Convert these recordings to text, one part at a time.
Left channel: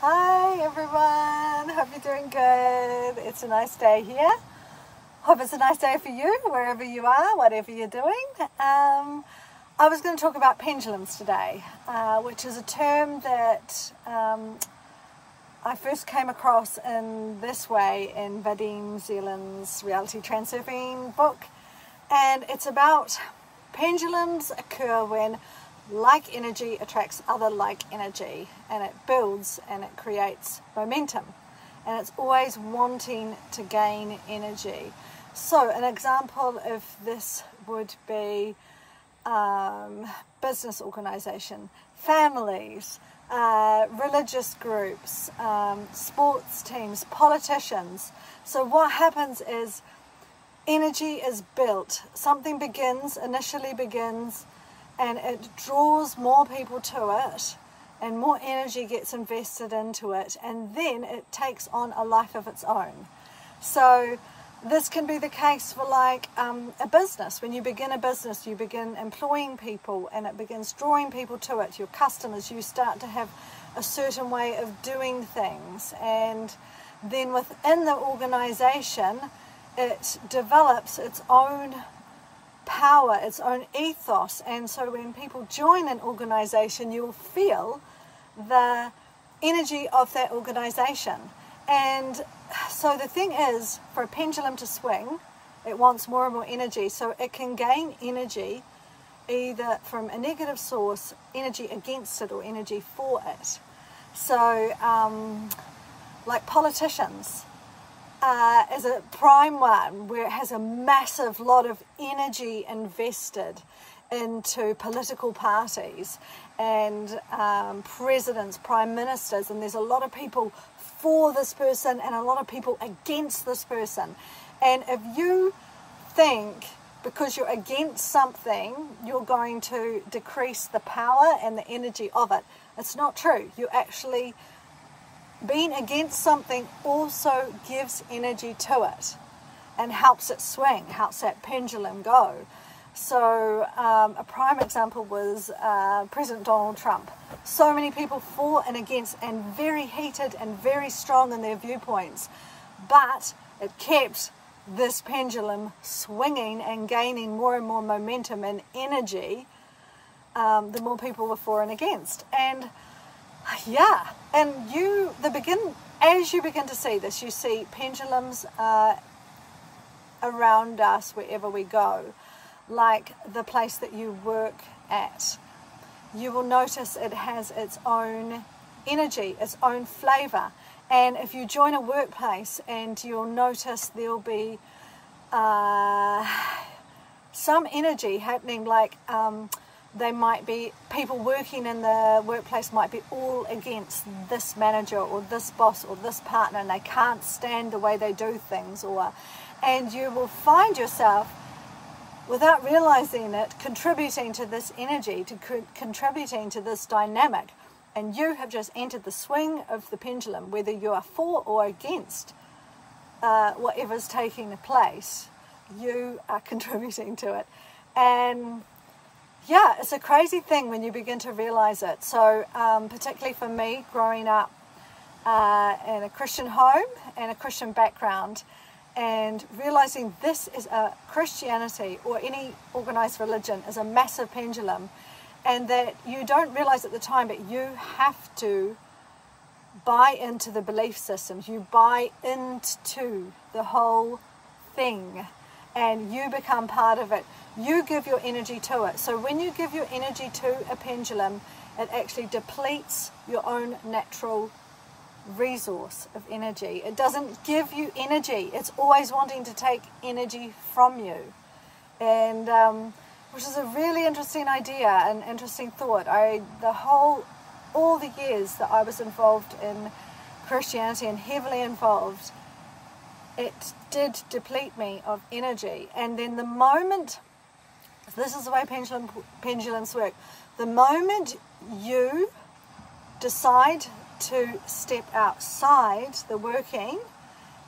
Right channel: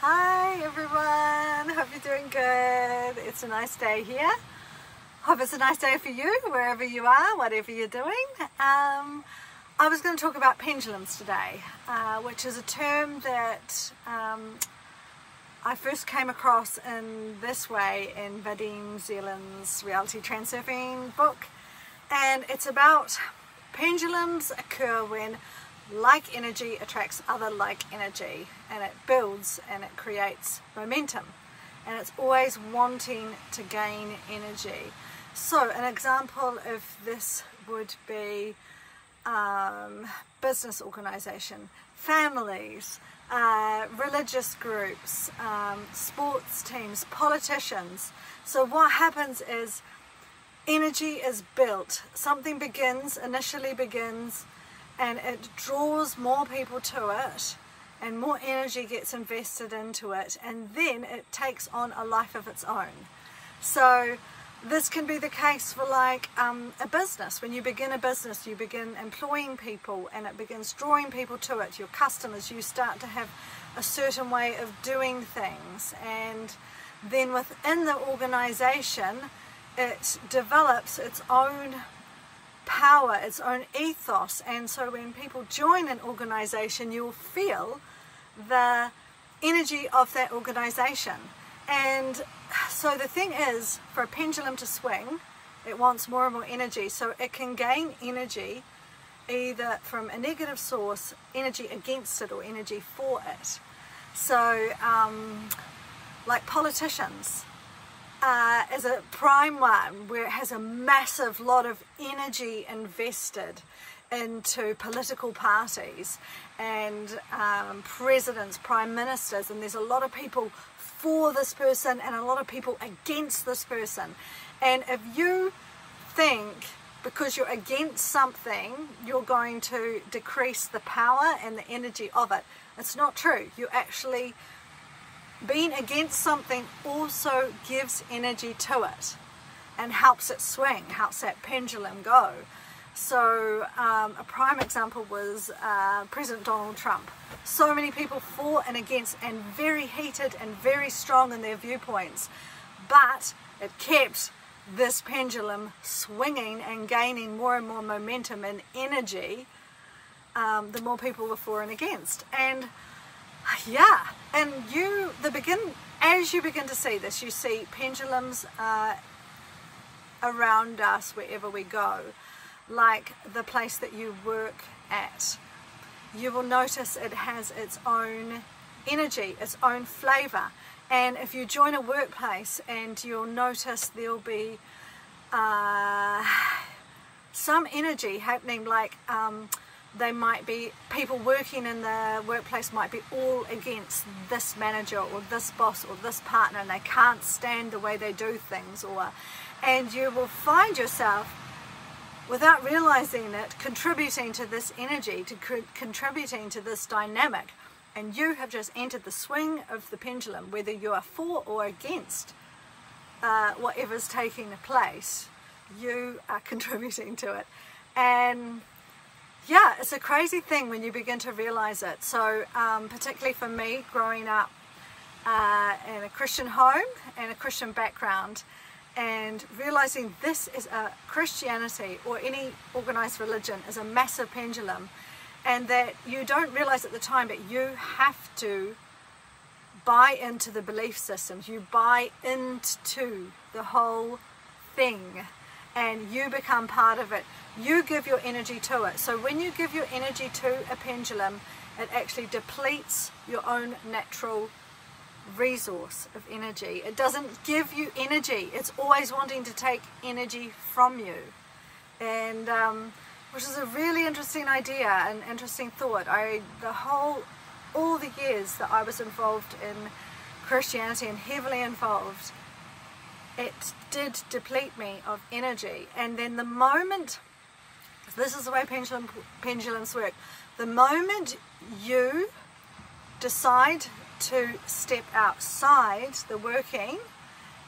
Hi everyone, hope you're doing good. It's a nice day here. Hope it's a nice day for you, wherever you are, whatever you're doing. I was going to talk about pendulums today, which is a term that I first came across in this way in Vadim, Zeland's reality transurfing book. And it's about pendulums occur when like energy attracts other like energy, and it builds and it creates momentum, and it's always wanting to gain energy. So an example of this would be business organization, families, religious groups, sports teams, politicians. So what happens is energy is built. Something initially begins, and it draws more people to it, and more energy gets invested into it, and then it takes on a life of its own. So this can be the case for like a business. When you begin a business, you begin employing people, and it begins drawing people to it, your customers. You start to have a certain way of doing things, and then within the organization, it develops its own power, its own ethos. And so when people join an organization, you'll feel the energy of that organization. And so the thing is, for a pendulum to swing, it wants more and more energy, so it can gain energy either from a negative source, energy against it, or energy for it. So like politicians is a prime one, where it has a massive lot of energy invested into political parties and presidents, prime ministers, and there's a lot of people for this person and a lot of people against this person. And if you think because you're against something you're going to decrease the power and the energy of it, it's not true. You actually, being against something also gives energy to it and helps it swing, helps that pendulum go. So a prime example was President Donald Trump. So many people for and against, and very heated and very strong in their viewpoints, but it kept this pendulum swinging and gaining more and more momentum and energy the more people were for and against. And yeah, and as you begin to see this, you see pendulums around us wherever we go, like the place that you work at. You will notice it has its own energy, its own flavor. And if you join a workplace, and you'll notice there'll be some energy happening, like they might be, people working in the workplace might be all against this manager or this boss or this partner, and they can't stand the way they do things, and you will find yourself, without realizing it, contributing to this energy, contributing to this dynamic, and you have just entered the swing of the pendulum, whether you are for or against whatever's taking place. You are contributing to it. And yeah, it's a crazy thing when you begin to realize it. So particularly for me, growing up in a Christian home and a Christian background, and realizing this is a Christianity, or any organized religion, is a massive pendulum, and that you don't realize at the time, but you have to buy into the belief systems. You buy into the whole thing, and you become part of it. You give your energy to it. So when you give your energy to a pendulum, it actually depletes your own natural resource of energy. It doesn't give you energy. It's always wanting to take energy from you. And which is a really interesting idea, an interesting thought. All the years that I was involved in Christianity, and heavily involved, it did deplete me of energy. And then the moment, this is the way pendulums work, the moment you decide to step outside the working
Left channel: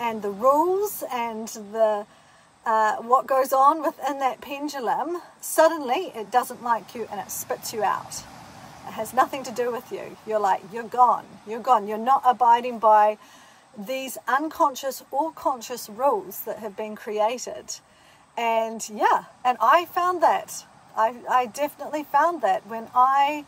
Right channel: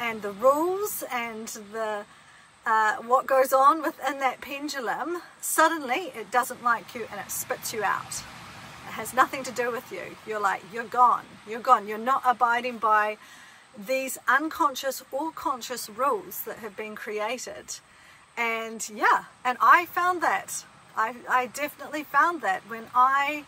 and the rules and the what goes on within that pendulum, suddenly it doesn't like you and it spits you out. It has nothing to do with you. You're like, you're gone. You're gone. You're not abiding by these unconscious or conscious rules that have been created. And yeah, and I found that. I definitely found that when I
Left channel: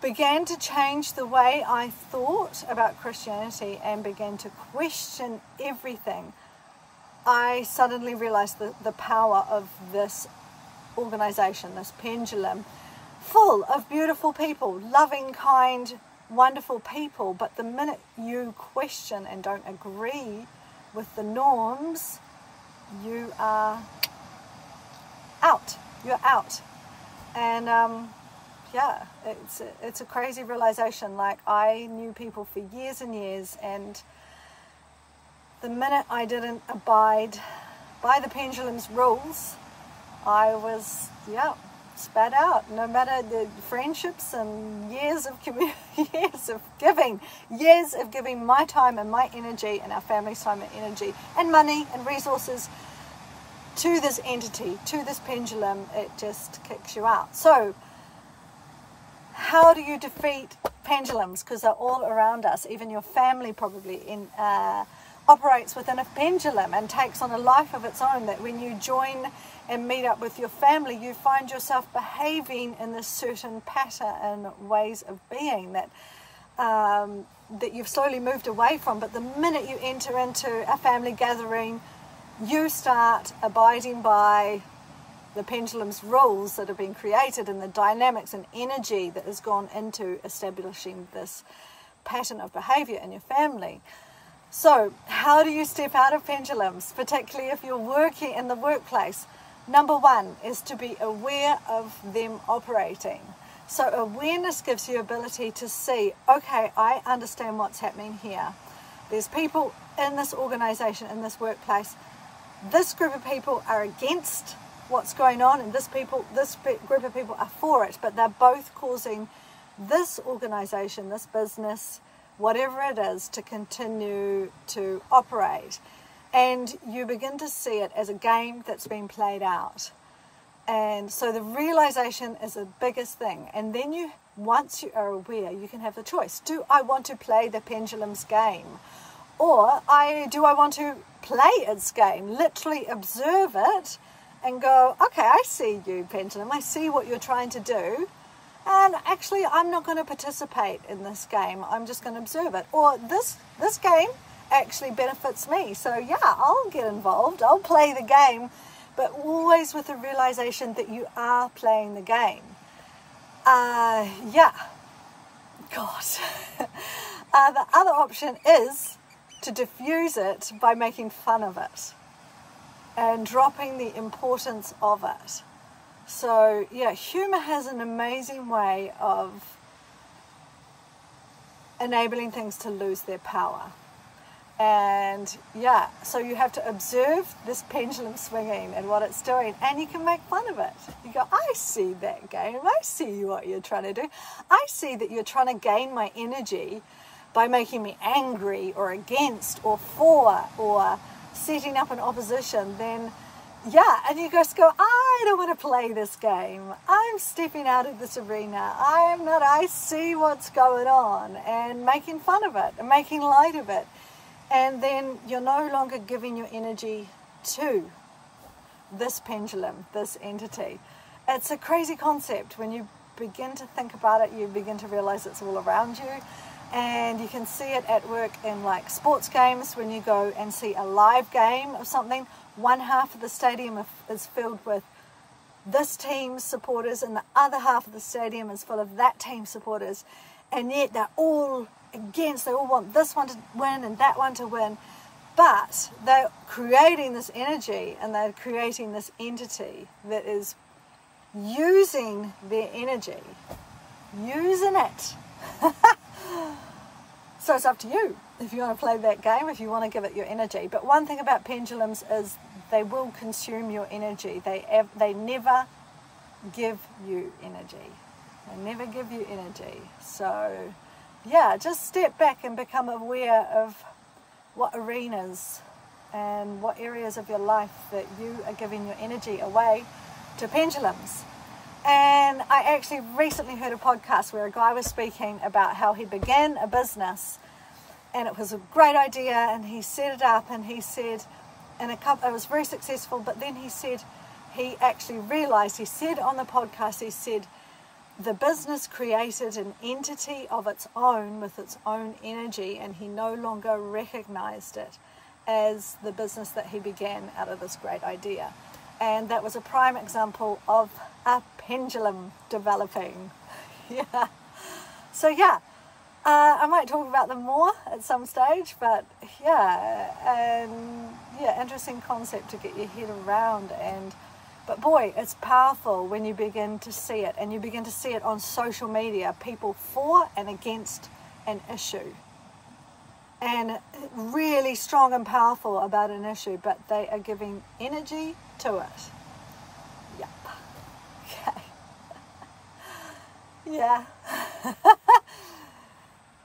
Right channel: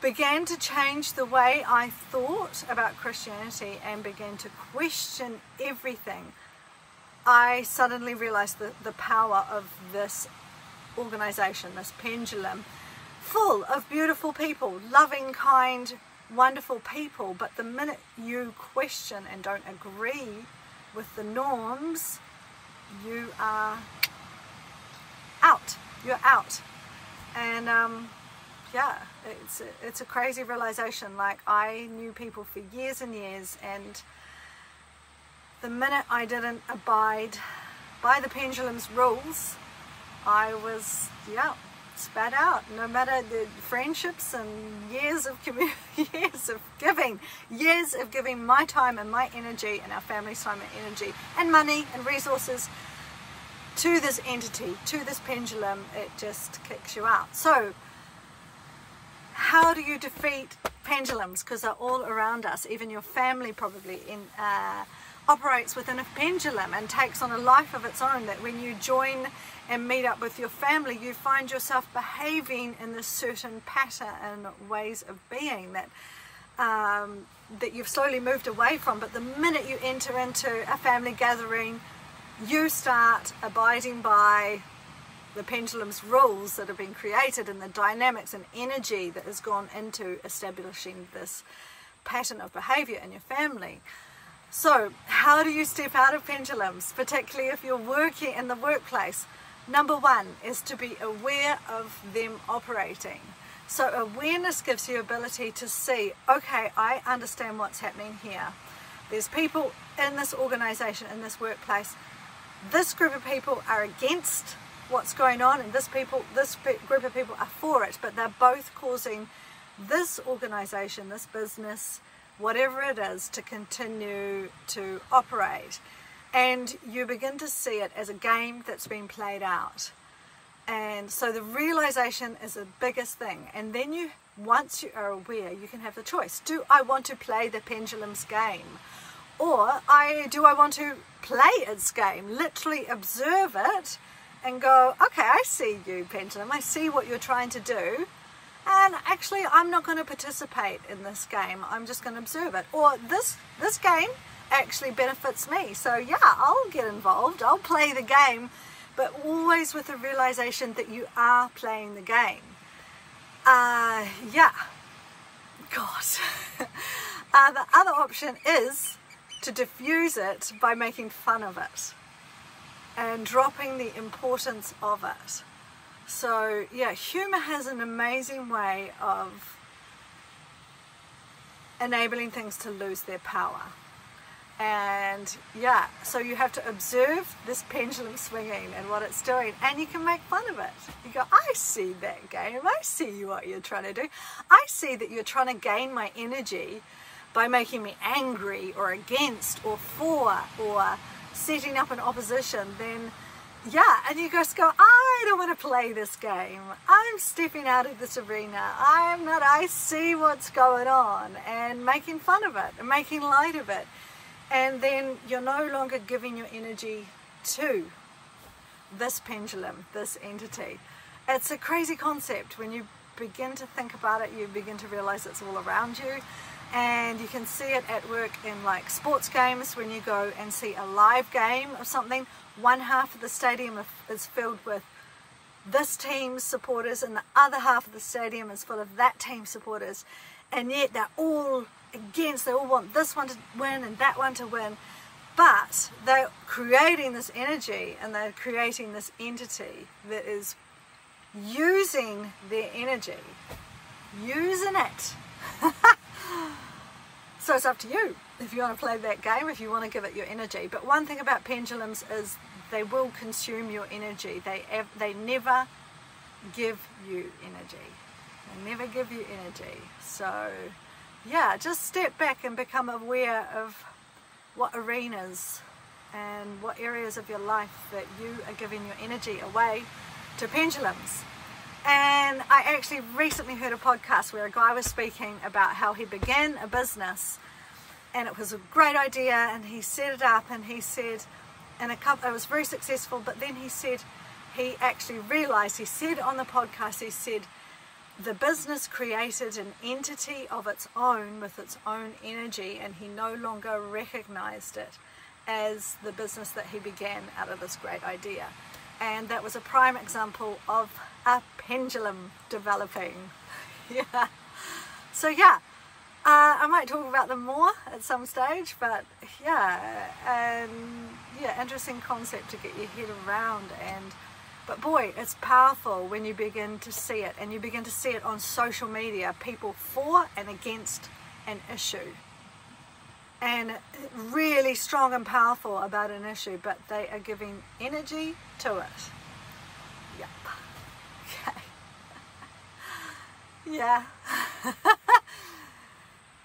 began to change the way I thought about Christianity and began to question everything, I suddenly realized the power of this organization, this pendulum, full of beautiful people, loving, kind, wonderful people. But the minute you question and don't agree with the norms, you are out. You're out. And yeah, it's a crazy realization. Like, I knew people for years and years, and the minute I didn't abide by the pendulum's rules, I was, yeah, spat out. No matter the friendships and years of giving my time and my energy and our family's time and energy and money and resources to this entity, to this pendulum, it just kicks you out. So how do you defeat pendulums? Because they're all around us. Even your family probably operates within a pendulum and takes on a life of its own, that when you join and meet up with your family, you find yourself behaving in this certain pattern and ways of being that that you've slowly moved away from. But the minute you enter into a family gathering, you start abiding by the pendulum's rules that have been created, and the dynamics and energy that has gone into establishing this pattern of behavior in your family. So how do you step out of pendulums, particularly if you're working in the workplace? Number one is to be aware of them operating. So awareness gives you ability to see, okay, I understand what's happening here. There's people in this organization, in this workplace. This group of people are against what's going on, and this group of people are for it, but they're both causing this organization, this business, whatever it is, to continue to operate. And you begin to see it as a game that's been played out. And so the realization is the biggest thing. And then once you are aware, you can have the choice. Do I want to play the pendulum's game? Or do I want to play its game, literally observe it and go, okay, I see you, pendulum. I see what you're trying to do. And actually, I'm not going to participate in this game. I'm just going to observe it. Or this game actually benefits me. So yeah, I'll get involved. I'll play the game, but always with the realization that you are playing the game. Yeah. God. The other option is to diffuse it by making fun of it and dropping the importance of it. So yeah, humor has an amazing way of enabling things to lose their power. And yeah, so you have to observe this pendulum swinging and what it's doing, and you can make fun of it. You go, I see that game. I see what you're trying to do. I see that you're trying to gain my energy by making me angry or against or for or setting up an opposition. Then yeah, and you just go, I don't want to play this game. I'm stepping out of this arena. I see what's going on, and making fun of it and making light of it. And then you're no longer giving your energy to this pendulum, this entity. It's a crazy concept. When you begin to think about it, you begin to realize it's all around you. And you can see it at work in like sports games. When you go and see a live game of something, one half of the stadium is filled with this team's supporters, and the other half of the stadium is full of that team's supporters. And yet they're all against, they all want this one to win and that one to win, but they're creating this energy, and they're creating this entity that is using their energy, using it. So it's up to you if you want to play that game, if you want to give it your energy. But one thing about pendulums is they will consume your energy. They never give you energy. They never give you energy. So yeah, just step back and become aware of what arenas and what areas of your life that you are giving your energy away to pendulums. And I actually recently heard a podcast where a guy was speaking about how he began a business, and it was a great idea, and he set it up, and he said, and it was very successful, but then he said, he actually realized, he said on the podcast, he said, the business created an entity of its own with its own energy, and he no longer recognized it as the business that he began out of this great idea. And that was a prime example of a pendulum developing. Yeah. So yeah, I might talk about them more at some stage, but yeah, and yeah, interesting concept to get your head around. But boy, it's powerful when you begin to see it, and you begin to see it on social media, people for and against an issue, and really strong and powerful about an issue, but they are giving energy to it. Yep. Okay. Yeah.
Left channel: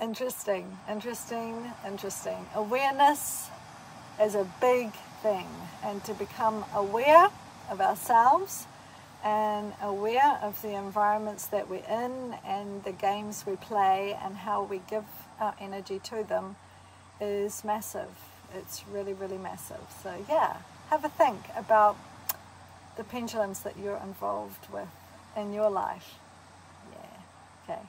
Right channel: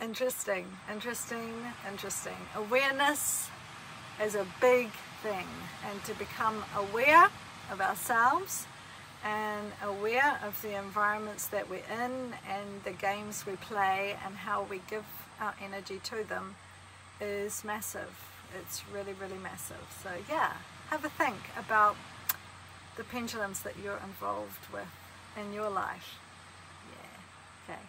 Interesting. Awareness is a big thing, and to become aware of ourselves and aware of the environments that we're in and the games we play and how we give our energy to them is massive. It's really, really massive. So yeah, have a think about the pendulums that you're involved with in your life. Yeah, okay.